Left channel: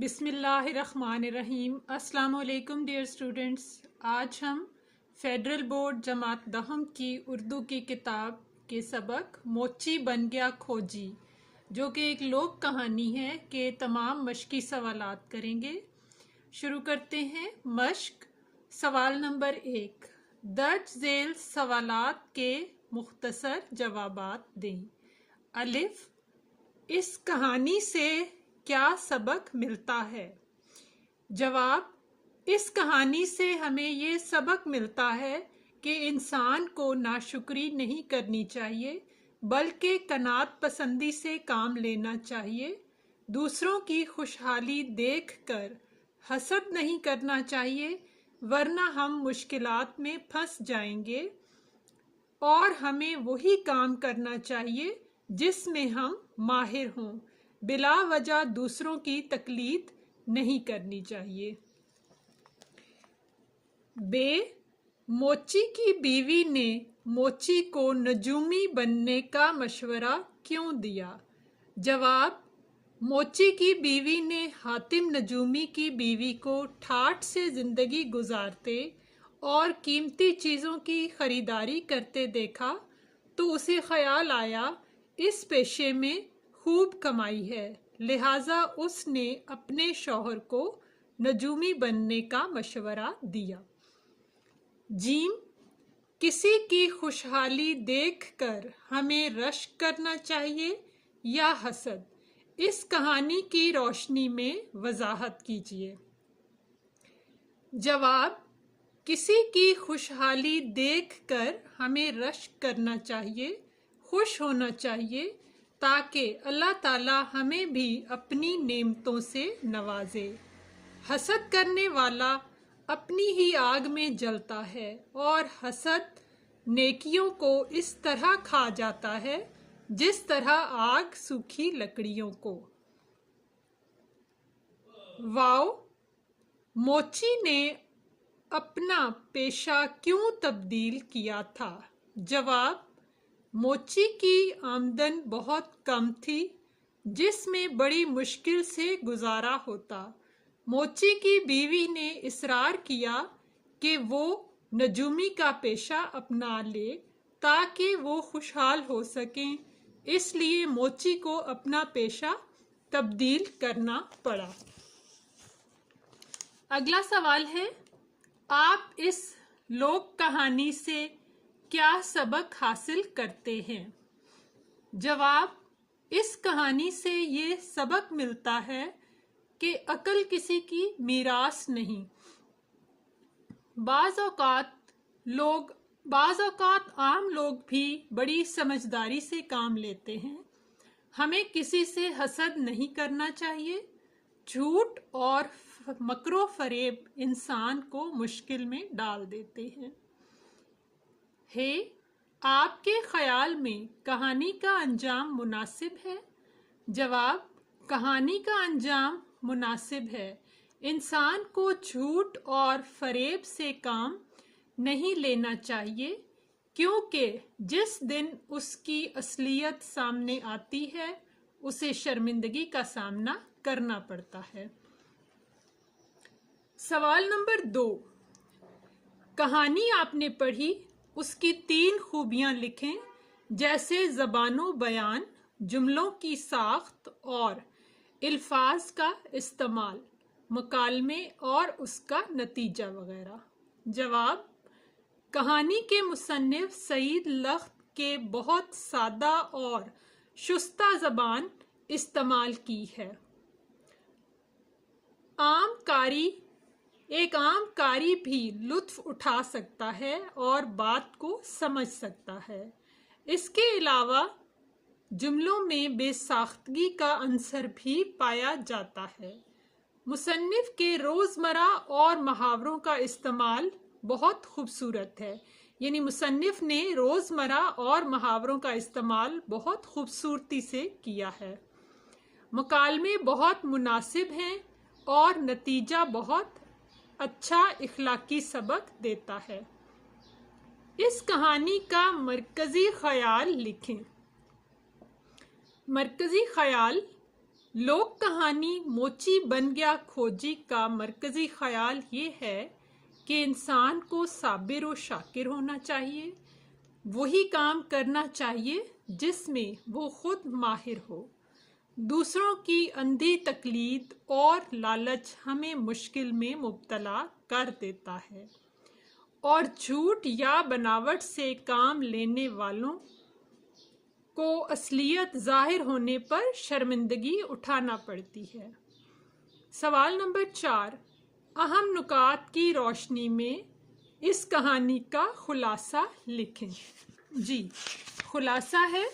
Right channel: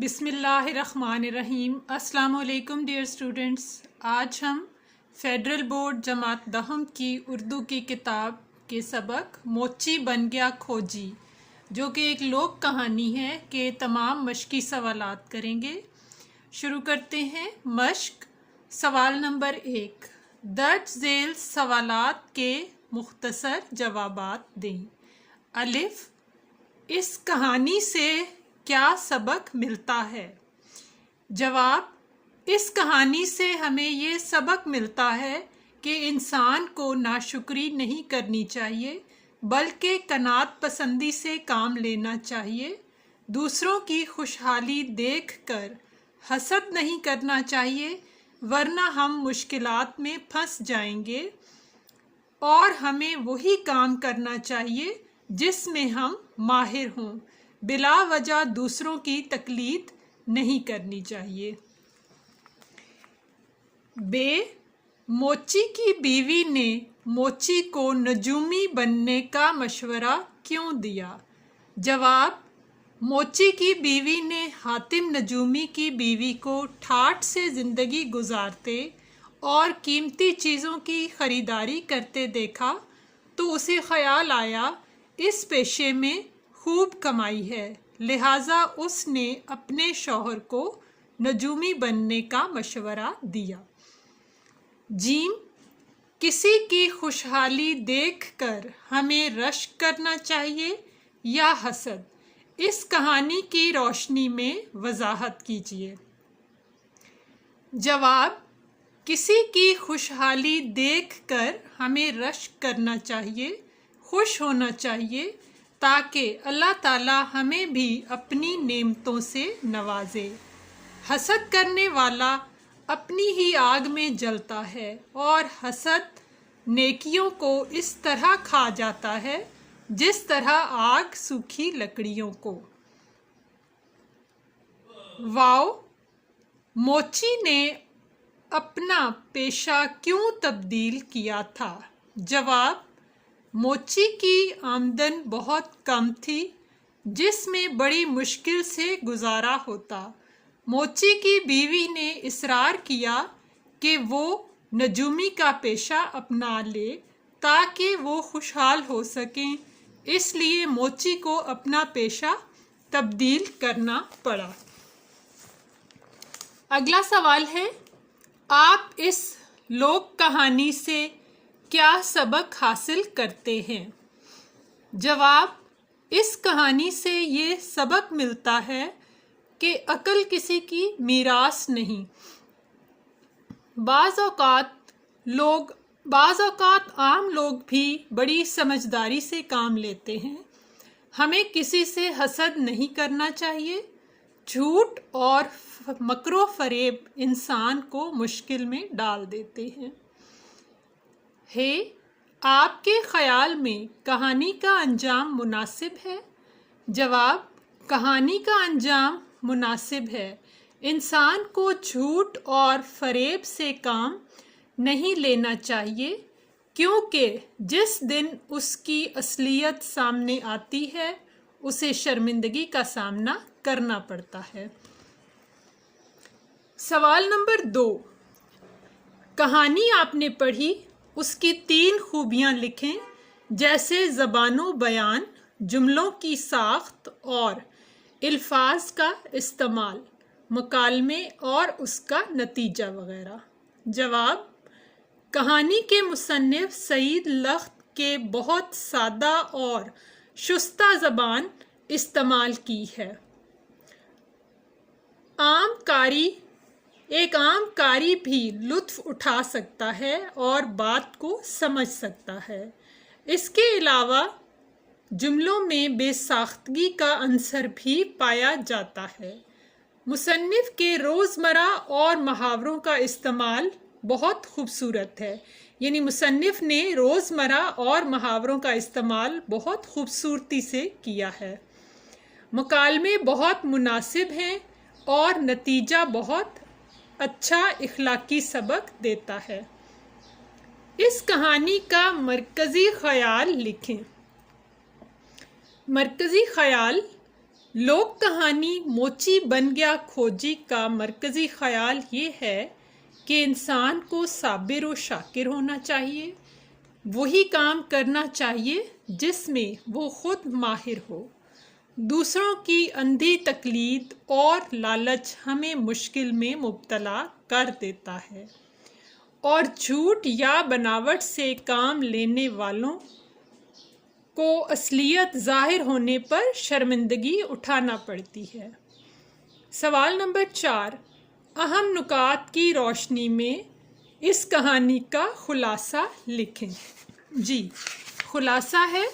بسم اللہ الرحمن الرحیم۔ السلام علیکم ڈیئر اسٹوڈنٹس، آج ہم فیڈرل بورڈ جماعت دہم کی اردو کی کتاب کے سبق موچی بن گیا کھوجی، جو کہ ایک لوک کہانی ہے، کے تمام مشقی سوالات کریں گے۔ شروع کرتے ہیں۔ مشق سوال نمبر 1، درج ذیل سوالات کے مختصر جوابات دیں۔ الف، اس کہانی سے کیا سبق ملتا ہے؟ جواب، اس کہانی سے ہمیں یہ سبق ملتا ہے کہ انسان کو ناشکری نہیں کرنی چاہیے، بلکہ قناعت پسندی سے کام لینا چاہیے۔ دوسروں کی خوشحالی دیکھ کر حسد نہیں کرنا چاہیے، ورنہ ہم مشکلات میں پھنس جائیں گے، اور ہمیں وہی کام کرنا چاہیے جس میں ہم ماہر ہوں۔ بلا وجہ دوسروں کی تقلید نہیں کرنی چاہیے۔ ب، موچی کی بیوی نے موچی کو نجومی بننے کا مشورہ کیوں دیا؟ جواب، موچی کی بیوی نے حاتم نجومی کی بیوی کو ٹھاٹھ سے زندگی گزارتے اور قیمتی چیزوں کی خریداری کرتے دیکھا تو اسے خیال آیا اس پیشے میں خوب کمائی ہے، لہٰذا اس نے اپنے شوہر کو نجومی بننے کا مشورہ دیا۔ جیم، کسی کی خوشحالی دیکھ کر ہمیں رشک کرنا چاہیے یا حسد؟ اس کہانی کی روشنی میں وضاحت کیجیے۔ جواب، کسی کی خوشحالی دیکھ کر ہمیں رشک کرنا چاہیے، خوش ہونا چاہیے، تاکہ اللہ تعالیٰ ہمیں بھی اپنی نعمتوں سے نوازے۔ حسد کرنے والا اپنی ہی آگ میں جلتا ہے، اور حسد نیکیوں کو اس طرح کھا جاتا ہے جس طرح آگ سوکھی لکڑیوں کو۔ واو، موچی نے اپنا پیشہ کیوں تبدیل کیا تھا؟ جواب، موچی کی آمدن بہت کم تھی، جس میں بڑی مشکل سے گزارا ہوتا۔ موچی کی بیوی نے اصرار کیا کہ وہ نجومی کا پیشہ اپنا لے تاکہ وہ خوشحال ہو سکیں، اس لیے موچی کو اپنا پیشہ تبدیل کرنا پڑا۔ اگلا سوال ہے، آپ اس لوک کہانی سے کیا سبق حاصل کرتے ہیں؟ جواب، اس کہانی سے یہ سبق ملتا ہے کہ عقل کسی کی میراث نہیں۔ بعض اوقات عام لوگ بھی بڑی سمجھداری سے کام لیتے ہیں۔ ہمیں کسی سے حسد نہیں کرنا چاہیے۔ جھوٹ اور مکر و فریب انسان کو مشکل میں ڈال دیتے ہیں۔ آپ کے خیال میں کہانی کا انجام مناسب ہے؟ جواب، کہانی کا انجام مناسب ہے۔ انسان کو جھوٹ اور فریب سے کام نہیں لینا چاہیے، کیونکہ جس دن اس کی اصلیت سامنے آتی ہے اسے شرمندگی کا سامنا کرنا پڑتا ہے۔ سوال نمبر 2، کہانی آپ نے پڑھی، اس کی 3 خوبیاں لکھیں، جیسے زبان و بیان، جملوں کی ساخت اور الفاظ کا استعمال، مکالمے اور اس کا نتیجہ وغیرہ۔ جواب، کہانی کے مصنف سعید لخت کے بہت سادہ اور شستہ زبان استعمال کی ہے۔ ایک عام قاری بھی لطف اٹھا سکتا ہے اور بات کو سمجھ سکتا ہے۔ اس کے علاوہ جملوں میں بے ساختگی کا عنصر بھی پایا جاتا ہے۔ مصنف کے روزمرہ اور محاوروں کا استعمال بہت خوبصورت ہے، یعنی مصنف نے روزمرہ اور محاوروں کا استعمال بہت خوبصورتی سے کیا ہے۔ مکالمے بہت مناسب ہیں اور نتیجہ بہت اچھا اخلاقی سبق دیتا ہے۔ اس کہانی کا مرکزی خیال لکھیں۔ مرکزی خیال، लोक कहानी मोची बन गया खोजी का मरकजी ख्याल ये है कि इंसान को साबिर और शाकिर होना चाहिए, वही काम करना चाहिए जिसमें वो खुद माहिर हो। दूसरों की अंधी तकलीद और लालच हमें मुश्किल में मुब्तला कर देता है और झूठ या बनावट से काम लेने वालों को असलियत ज़ाहिर होने पर शर्मिंदगी उठाना पड़ती है। सवाल नंबर 4, अहम नुकात की रोशनी में इस कहानी का खुलासा लिखें। जी, खुलासा है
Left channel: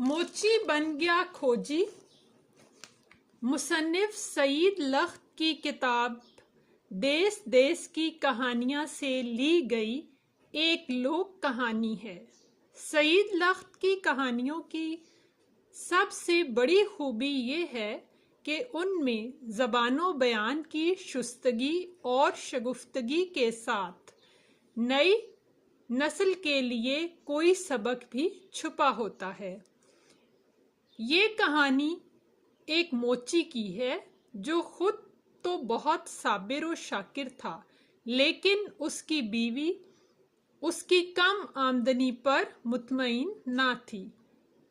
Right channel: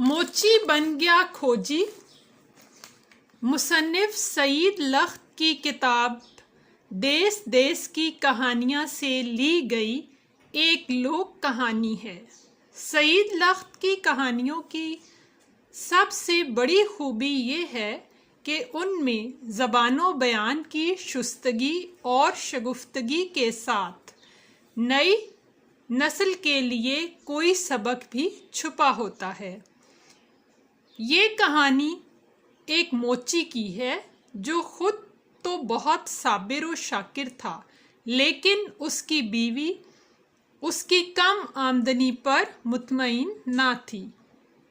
मोची बन गया खोजी मुसन्निफ सईद लख्त की किताब देश देश की कहानियाँ से ली गई एक लोक कहानी है। सईद लख्त की कहानियों की सबसे बड़ी खूबी ये है कि उनमें ज़बानो बयान की शुस्तगी और शगुफ्तगी के साथ नई नस्ल के लिए कोई सबक भी छुपा होता है। ये कहानी एक मोची की है जो खुद तो बहुत साबिर और शाकिर था, लेकिन उसकी बीवी उसकी कम आमदनी पर मुतमईन ना थी।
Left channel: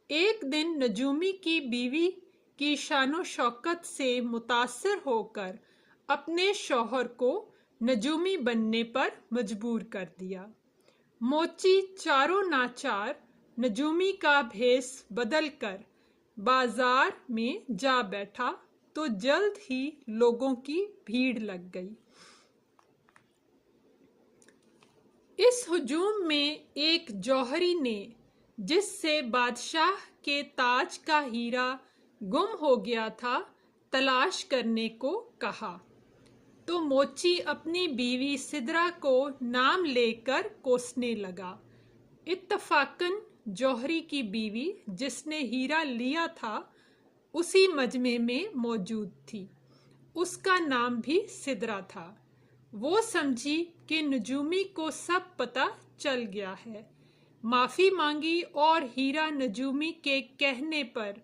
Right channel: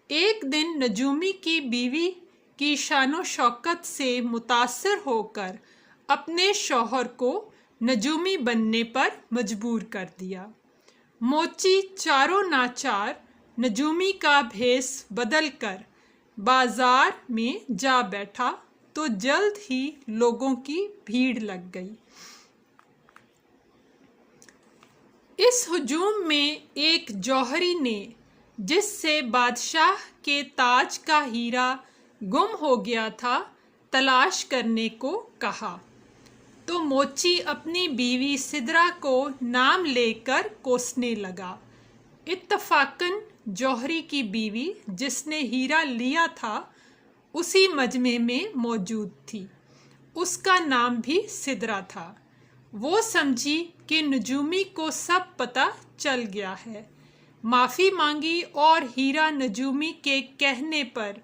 एक दिन नजूमी की बीवी की शानो शौकत से मुतासर होकर अपने शौहर को नजूमी बनने पर मजबूर कर दिया। मोची चारों नाचार नजूमी का भेस बदलकर बाजार में जा बैठा तो जल्द ही लोगों की भीड़ लग गई। इस हुजूम में एक जौहरी ने, जिससे बादशाह के ताज का हीरा गुम हो गया था, तलाश करने को कहा तो मोची अपनी बीवी सिदरा को नाम लेकर कोसने लगा। इत्तफाकन जौहरी की बीवी जिसने हीरा लिया था उसी मजमे में मौजूद थी। उसका नाम भी सिदरा था। वो समझी कि नजूमी को सब पता चल गया है, माफ़ी मांगी और हीरा नजूमी के कहने पर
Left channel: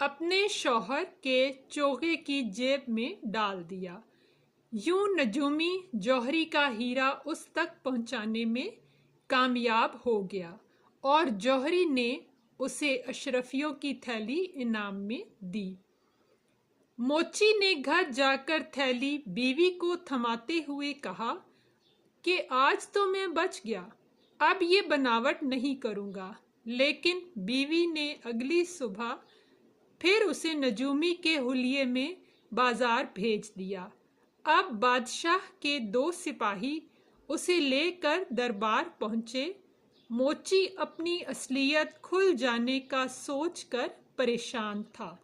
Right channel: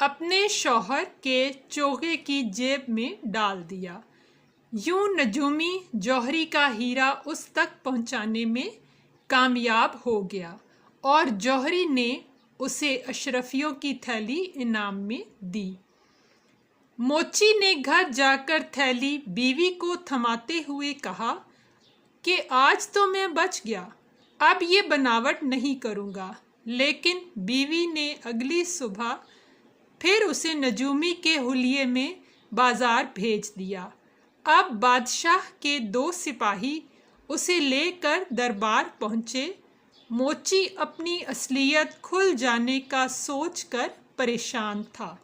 अपने शौहर के चोगे की जेब में डाल दिया। यूं नजूमी जौहरी का हीरा उस तक पहुंचाने में कामयाब हो गया और जौहरी ने उसे अशरफियों की थैली इनाम में दी। मोची ने घर जाकर थैली बीवी को थमाते हुए कहा कि आज तो मैं बच गया, अब ये बनावट नहीं करूँगा। लेकिन बीवी ने अगली सुबह फिर उसे नजूमी के हुलिये में बाजार भेज दिया। अब बादशाह के 2 सिपाही उसे लेकर दरबार पहुँचे। मोची अपनी असलियत खुल जाने का सोचकर परेशान था।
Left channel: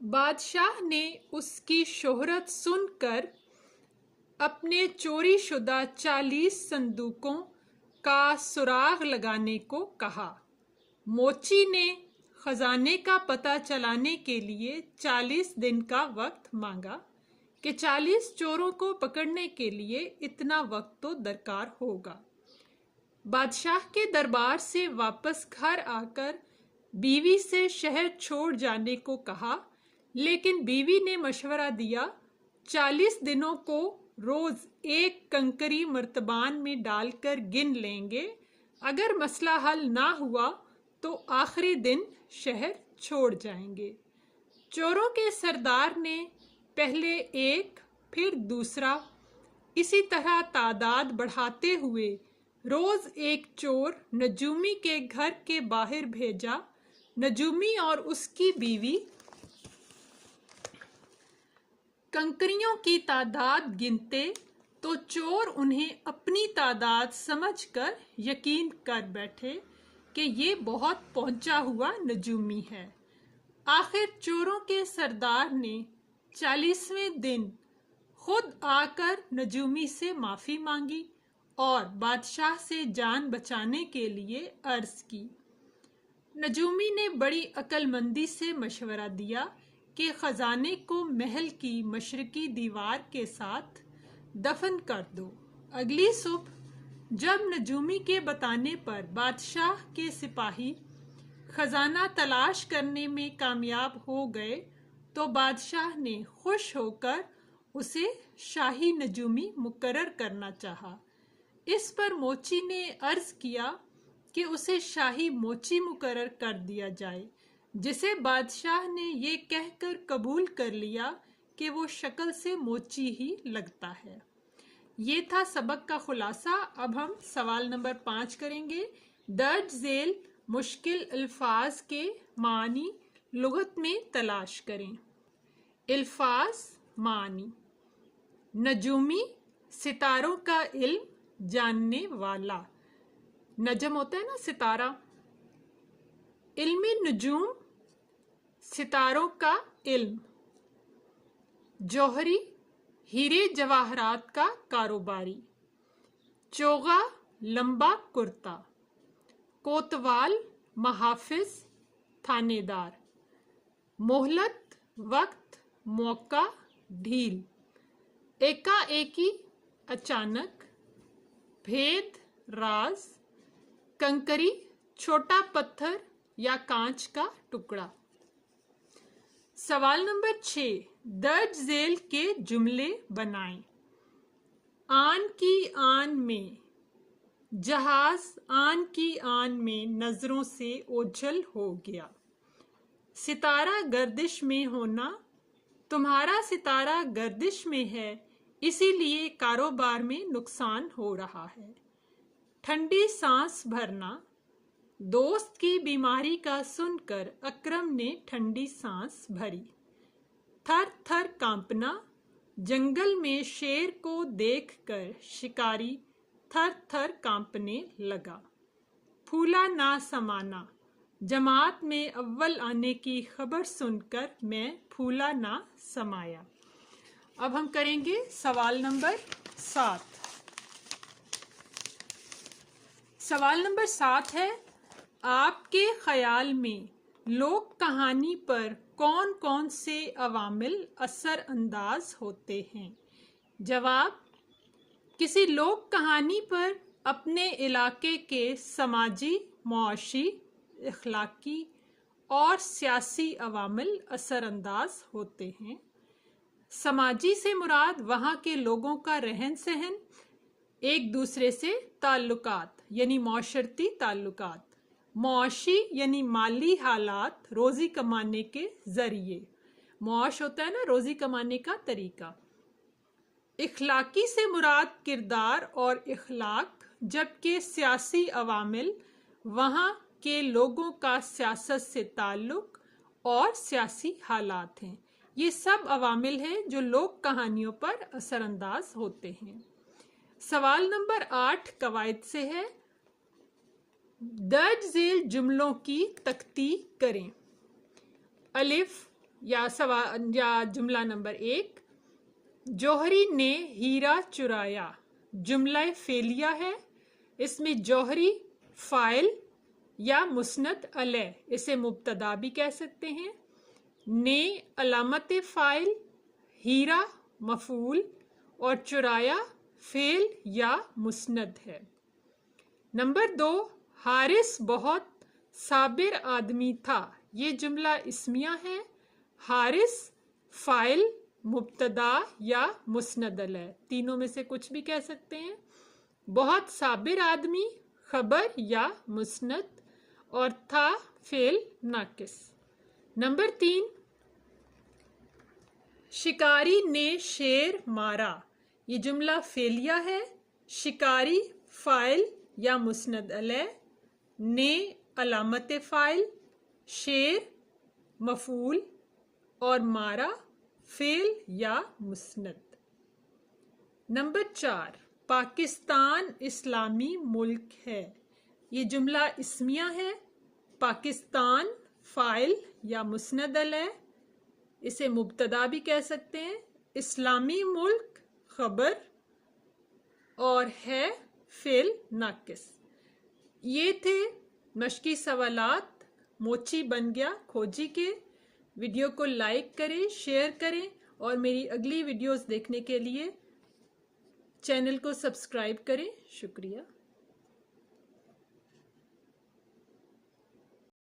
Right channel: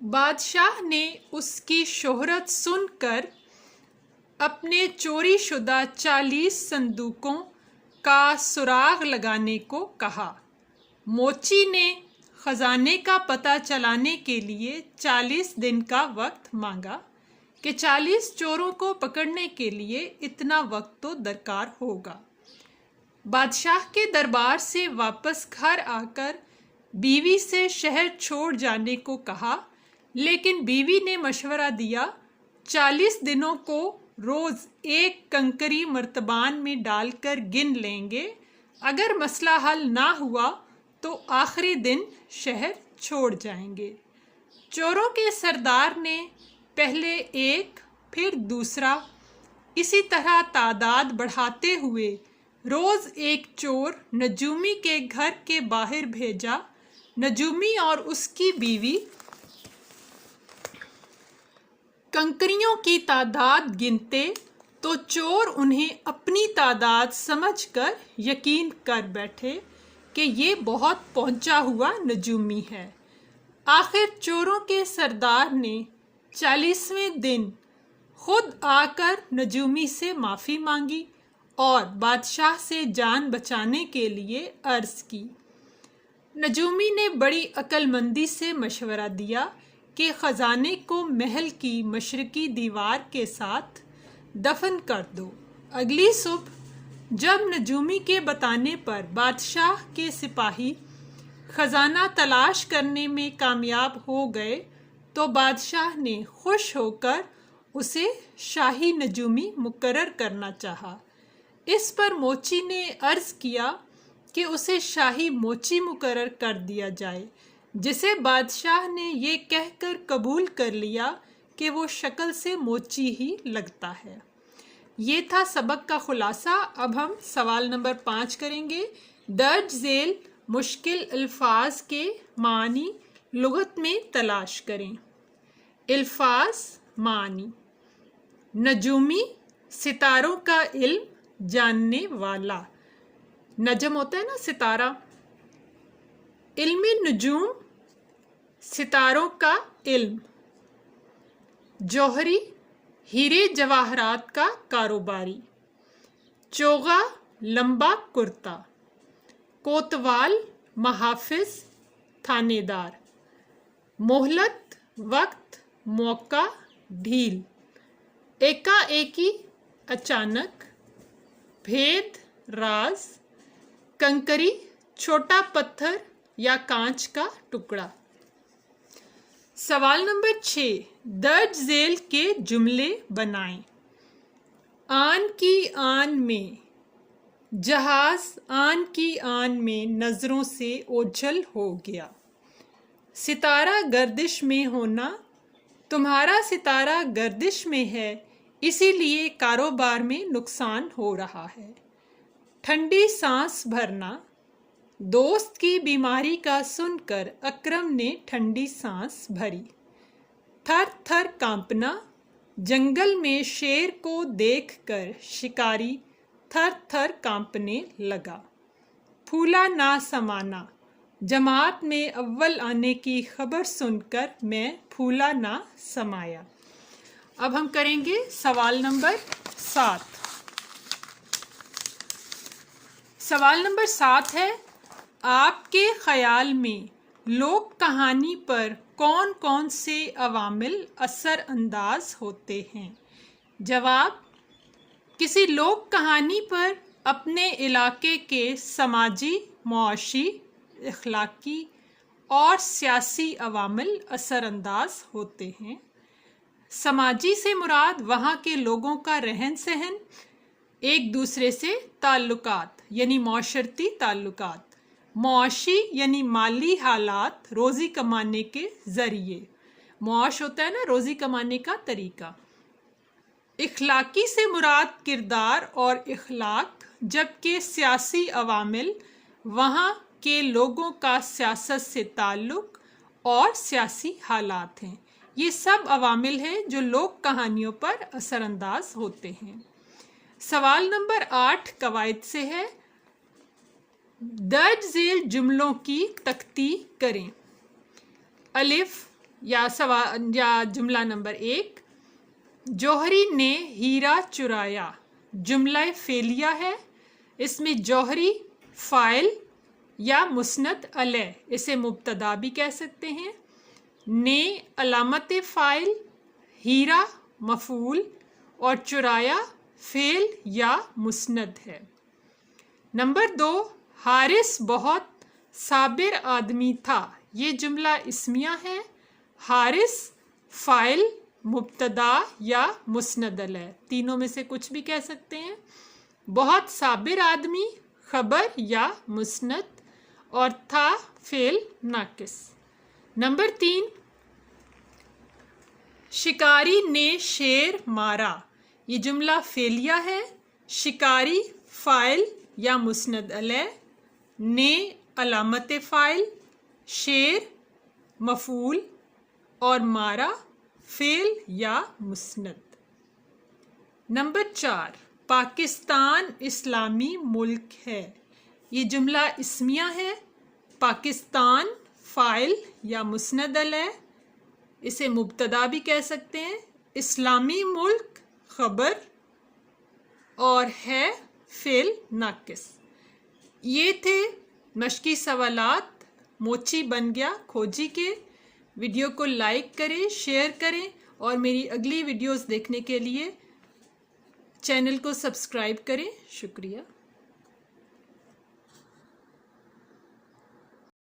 बादशाह ने उसकी शोहरत सुनकर अपने चोरी शुदा 40 संदूकों का सुराग लगाने को कहा। मोची ने खजाने का पता चलाने के लिए 40 दिन का वक्त मांगा कि 40 चोरों को पकड़ने के लिए इतना वक्त तो दरकार होगा। बादशाह के दरबार से वापस घर आकर बीवी से शहर छोड़ जाने को कहा, लेकिन बीवी ने मशवरा दिया 40 दिनों को रोज़ एक कंकरी मर्तबान में डालकर गिन लेंगे। अगर मसला हल ना हुआ तो आखिरी दिन शहर छोड़ जाएंगे। चोरों के सरदार ने पहले एक फिर दूसरा इसी तरह तादाद बढ़ाते हुए रोज़ एक चोर नजूमी के घर के बाहर भेजा। नजूमी और उसकी बीवी कंकरियों की तादाद गिनते तो चोर उन्हें अपनी तादाद समझकर यकीन कर बैठे कि ये बहुत पहुंचा हुआ नजूमी है। आखिर चोरों के सरदार ने 40वें दिन खुद आकर नजूमी से माफ़ी मांगी और बादशाह से जान बचाने के लिए अर्ज़ की। नजूमी ने बड़ी अक्लमंदी से मशवरा दिया कि ख़जाने को महल की मशरकी दीवार के साथ दफन कर दो। अगली सुबह जब नजूमी के बताने पर बादशाह के सिपाही खजाना तलाश करने में कामयाब हो गए तो बादशाह ने खुश होकर उसे शाही नजूमी मुकर्रर करना चाहा। इस पर मोची ने अर्ज किया कि उसे शाही मोची मुकर्रर कर दिया जाए, जिसे बादशाह ने ये कहकर कबूल कर लिया कि वो शक्ल से मोची ही लगता है। ये था सबक का खुलासा। अब हम सवाल नंबर 5 करेंगे। दर्ज झेल मुश्किल अल्फाज के मानी लुगत में तलाश करें। अल्फाज मानी। नजूमी, सितारों का इल्म जानने वाला। नजम होता है ना सितारा। इल्मी नजूम, सितारों का इल्म। जौहरी, हीरे जवाहरात का कारोबारी। चोगा, लंबा कुर्ता। कोतवाल, महाफिज, थानेदार। मोहलत, वक्त, मौका, ढील। एकाएकी, अचानक। भेद, राज। कंकरी, छोटा पत्थर या कांच का टुकड़ा। सवाल नंबर 6, दर्ज झेल के जुमले बनाएं। आन की आन में। जहाज आन की आन में नजरों से ओझल हो गया। सितारा गर्दिश में होना। तुम्हारा सितारा गर्दिश में है, इसीलिए कारोबार में नुकसान हो रहा है। ठंडी सांस भरना। दोस्त की बीमारी का सुनकर अकरम ने ठंडी सांस भरी। थर थर कांपना। जंगल में शेर को देखकर शिकारी थर थर कांपने लगा। फूला ना समाना। जमात में अव्वल आने की खबर सुनकर मैं फूला ना समाया। अब हम करेंगे सवाल नंबर 7। सवाल नंबर 7 है, आपके ख्याल में लोक कहानी पर कौन कौन से अवामिल असर अंदाज होते हैं? जवाब, किसी लोक कहानी पर अपने इलाके के समाजी, मुआशी, इखलाकी और सियासी अवामिल असर अंदाज होते हैं। समाजी से मुराद वहाँ के लोगों का रहन सहन, एक दूसरे से ताल्लुकात यानी मौशरती ताल्लुकात। मुआशी यानी माली हालात, रोज़ी कमाने के ज़रिए। मुआश होता है ना रोज़ी कमाने का तरीका। इखलाकी से मुराद किरदार और इखलाक, जबकि सियासी अवामिल वहाँ के लोगों का सियासत से ताल्लुक़ और सियासी हालात हैं। ये सब अवामिल हैं जो लोक कहानियों पर असरअंदाज होते हैं। सवाल नंबर 8 कवायद से है। दर्ज झेल जुमलों की तख्ती करें। अलिफ या जुमला नंबर 1, जौहरी ने हीरा चुराया। जुमला फेलिया है। इसमें जौहरी फ़ाइल या मुस्नद अलैह, इसे मुब्तदा भी कह सकते हैं। ने अलामत फ़ाइल, हीरा मफ़ूल और चुराया फ़ेल या मुस्नद है। नंबर 2, हारिस बहुत साबिर आदमी था। ये जुमला इस्मिया है। हारिस फ़ाइल, मुब्तदा या मुस्नद अलैह, तीनों में से कुछ भी कह सकते हैं। बहुत साबिर आदमी खबर या मुस्नद, और था फ़ेल नाकिस। नंबर 3, शिकारी ने शेर मारा। ये जुमला फेलिया है। शिकारी फ़ाइल या मुस्नद अलैह, ने अलामत फ़ाइल, शेर मफ़ूल और मारा फ़ेल या मुस्नद। नंबर 4, पाकिस्तान इस्लामी मुल्क है। ये जुमला इस्मिया है। पाकिस्तान फ़ाइल या मुस्नद अलैह, इसे मुब्तदा भी कह सकते हैं। इस्लामी मुल्क खबर और है फ़ेल नाकिस। ये थे मश्की सवालात मोची बन गया खोजी के। वीडियो को लाइक करें, शेयर करें और मेरी अगली वीडियोस देखने के लिए चैनल को सब्सक्राइब करें। शुक्रिया।